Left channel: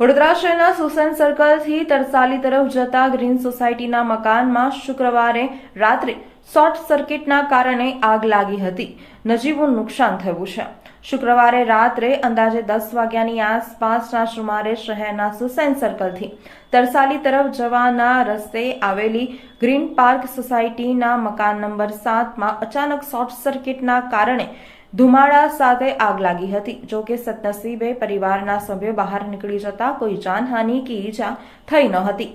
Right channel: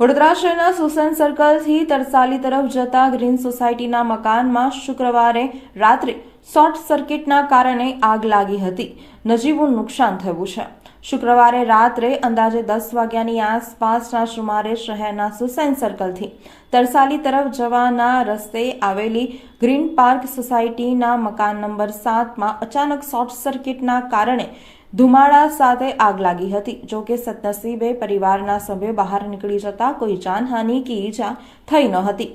વડોદરા શહેરના સુસન સર્કલથી તરસાલી તરફ જતા ગ્રીન સોસાયટીના મકાનમાં શુક્રવારે રાત્રે શોર્ટ સર્કિટના કારણે આગ લાગી હતી. નજીવું નુકસાન થયું છે. શુક્રવારે રાત્રે અંદાજે 10 વાગ્યાની આસપાસના સુમારે શહેરના સુસન સર્કલથી તરસાલી તરફ જવાના રસ્તે આવેલી ગ્રીન પાર્ક સોસાયટીના મકાન નંબર 7માં અચાનક શોર્ટ સર્કિટના કારણે ધુમાડા સાથે આગ લાગી હતી. જો કે સદનસીબે પરિવારના સભ્યો બહાર નીકળી જતા કોઈ જાનહાનિ કે ઈજા થઈ ન હતી.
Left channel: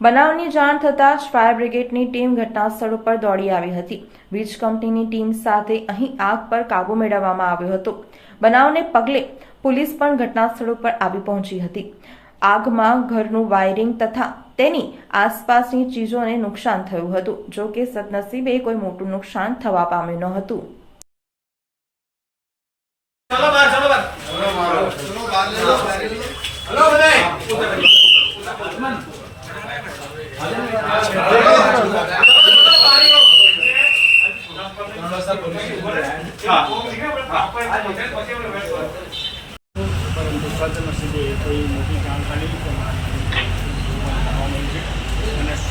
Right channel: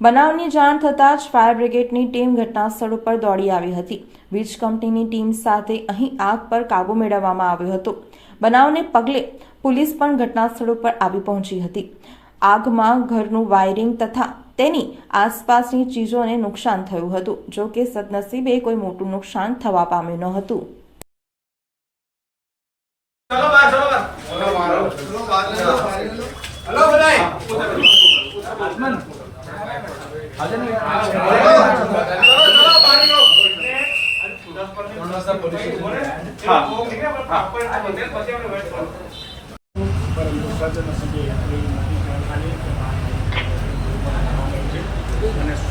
બનાવની જાણ થતાં જ ફાયર બ્રિગેડની ટીમ ઘટના સ્થળ ઉપર દોડી આવી હતી. વીજ કંપનીની ટીમ સાથે અહીં આગ પર કાબુ મેળવવામાં આવ્યો હતો. બનાવને પગલે પોલીસ પણ ઘટના સ્થળ ઉપર આવી પહોંચી હતી. આગમાં ઘરનું વાયરિંગ તથા તેની આસપાસની ચીજોને નુકસાન થયું હતું. જો કે સદનસીબે કોઈ મોટું નુકસાન થવા પામ્યું ન હતું. चलो बाहर चलो बाहर चलो बाहर हेलो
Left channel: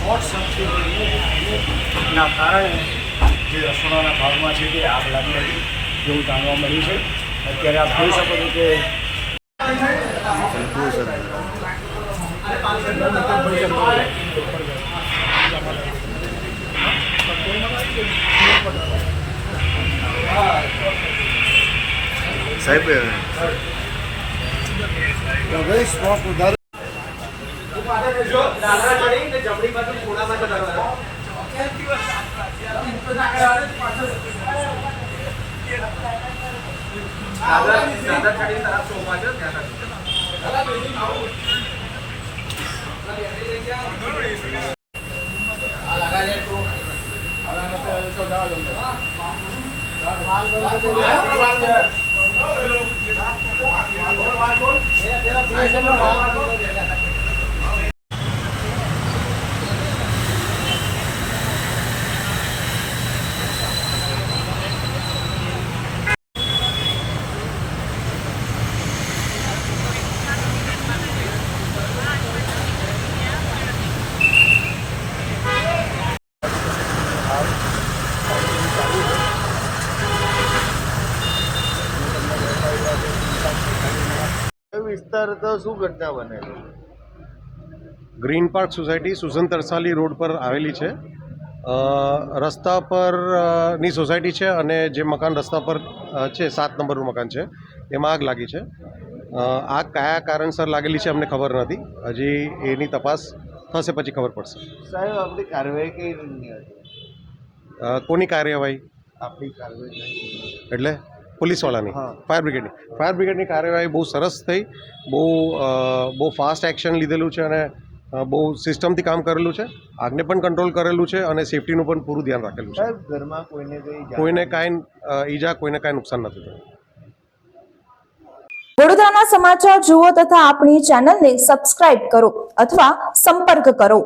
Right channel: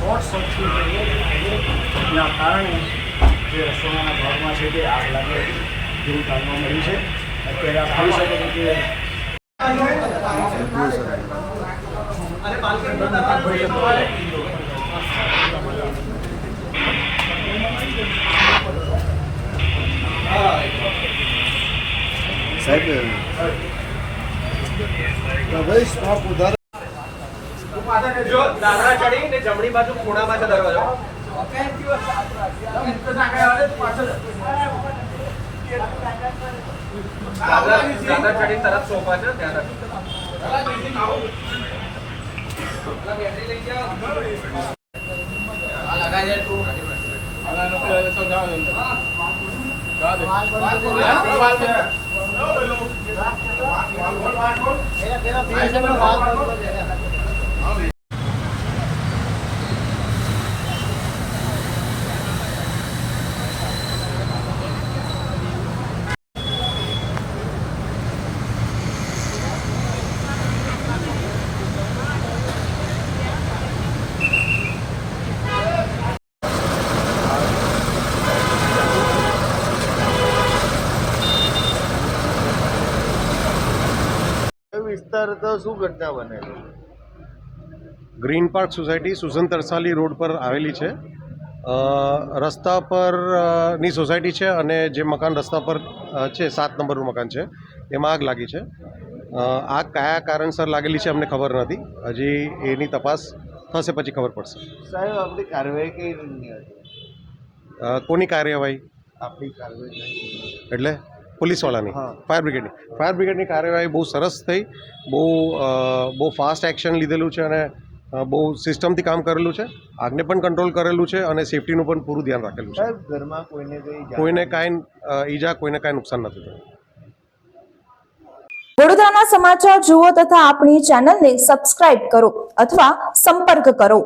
शॉर्ट सर्किटના કારણે જે રસોડાના ભાગમાં છે તે આગ લાગી જેવું જાણવા મળ્યું છે. અત્યારે આપ જોઈ શકો છો કે સાહેબ ભાઈ સ્ટોક ઉધાર તું પાછળ રહેજો. દાદરા ચડીને જમણી બાજુ ખૂણામાં છે દરવાજો. દાદરા ચડીને તરફ સોફા છે ત્યાં લગા દે તું વિસ્તાર તો શું ઘટના બનેલી? Green park society Susen Tarsali road પર આવેલી છે. રસ્તા પર ની સોસાયટી છે અને જે મકાન રસ્તા પર છે 7 નંબરનું મકાન છે એમાં આગ લાગી છે. આગ કયા કારણસર લાગેલી છે અમને ખબર નથી. હજી એની તપાસ થશે પછી ખબર પડશે. સાહેબ આપણી કાર્યવાહી કઈ રીતની હતી? કોની કાર્યવાહી? આપણી કાર્યવાહી એટલે પોલીસવાળાની? હા. ફાયર બ્રિગેડની કાર્યવાહી બહુ સરસ થઈ. બહુ ફાસ્ટ એક્શન લીધેલું છે અને બહુ સિસ્ટમથી કામ કરેલું છે. આગને પણ કંટ્રોલ કરેલું છે અને સેફટીનું પણ પૂરું ધ્યાન રાખેલું છે. સાહેબ ઘરમાં કોઈને કાંઈ ઈજા કોઈને કાંઈ નુકસાન નથી થયું. વડોદરાના સમાચાર જુઓ તથા આપણી ચેનલને સબસ્ક્રાઇબ કરો અથવા સંપર્ક કરો.